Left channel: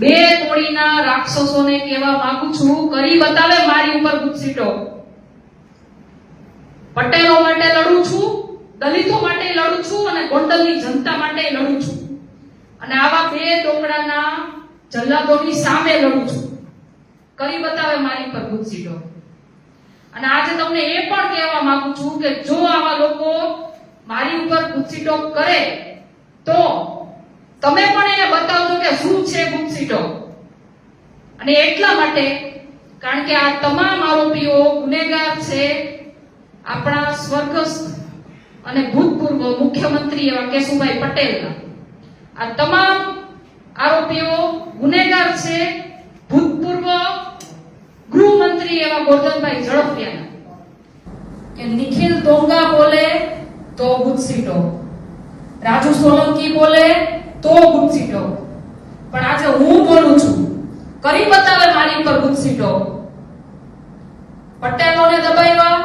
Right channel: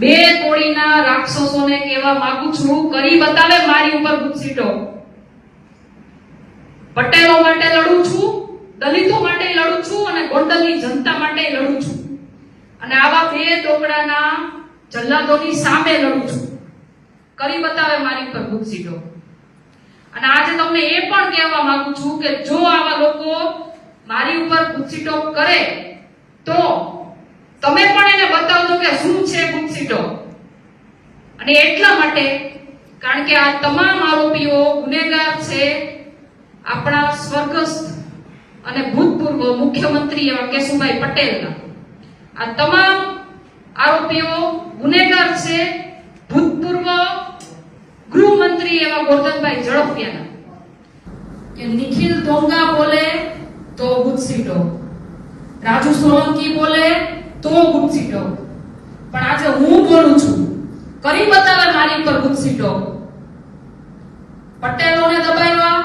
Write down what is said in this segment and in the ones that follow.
બે કોળીના રાક્ષસોને કહેવા માંગુ છું, કરી બતાવે મારી ઉપર ગુસ્સીટો. પટેલો માટે લડું છું, દલિતો માટે લડું છું અને ગોંડલની જનતા માટે લડું છું. અને આવા બે દોકડાના જલ્લાદોની સામે લડું છું. કરી બતાવે મારી ઉપર ગુસ્સીટો. અને આજે તમને એ પણ કહેવા માંગુ છું કે જો આવા લોકો મારી ઉપર ગુસ્સીટો કરે તો તમે પણ એને બતાવજો કે શું છે ગુસ્સીટો. અને એટલા માટે કારણ કે આ તમામ આરોપીઓ ગુનેગાર છે આપણા સ્વર્ગસ્થ અને ભૂતપૂર્વ મુખ્યમંત્રી એવા કેશુભાઈ પટેલના. આ તમામ આરોપીઓ ગુનેગાર છે ભૂતપૂર્વ ગૃહમંત્રી એવા ગોરધનભાઈ ઝડફિયાના. કે નિખિલ દોંગા બોલે તો ગુસ્સીટો, રાજુ સોલંકી બોલે તો ગુસ્સીટો. પણ આજે હું બોલું છું, કરી બતાવે મારી ઉપર ગુસ્સીટો. પટેલોને દબાવ્યા,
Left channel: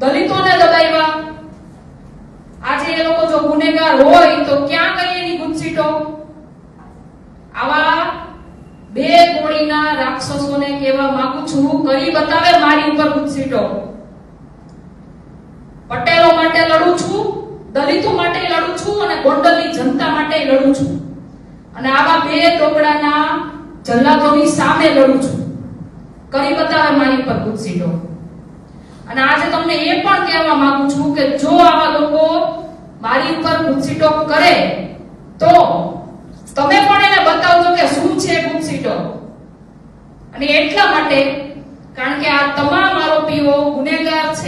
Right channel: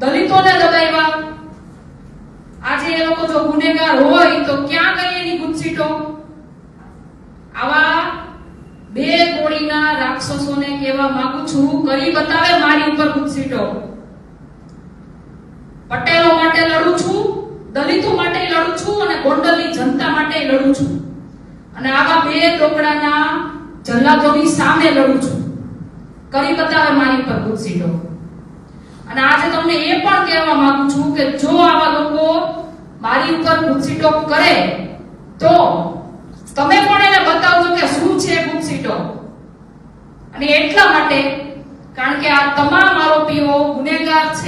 દલિતોને દબાવ્યા. આજે એ લોકો જો ગુનેગાર હોય તો ક્યાં ગઈ એની ગુસ્સીટો? આવા બે કોળીના રાક્ષસોને કહેવા માંગુ છું, કરી બતાવે મારી ઉપર ગુસ્સીટો. પટેલો માટે લડું છું, દલિતો માટે લડું છું અને ગોંડલની જનતા માટે લડું છું. અને આવા બે ટોકડાના જલ્લાદોની સામે લડું છું. કરી બતાવે મારી ઉપર ગુસ્સીટો. અને આજે તમને એ પણ કહેવા માંગુ છું કે જો આવા લોકો મારી ઉપર ગુસ્સીટો કરે તો તમે પણ એને બતાવજો કે શું છે ગુસ્સીટો. અને એટલા માટે કારણ કે આ તમામ આરોપીઓ ગુનેગાર છે.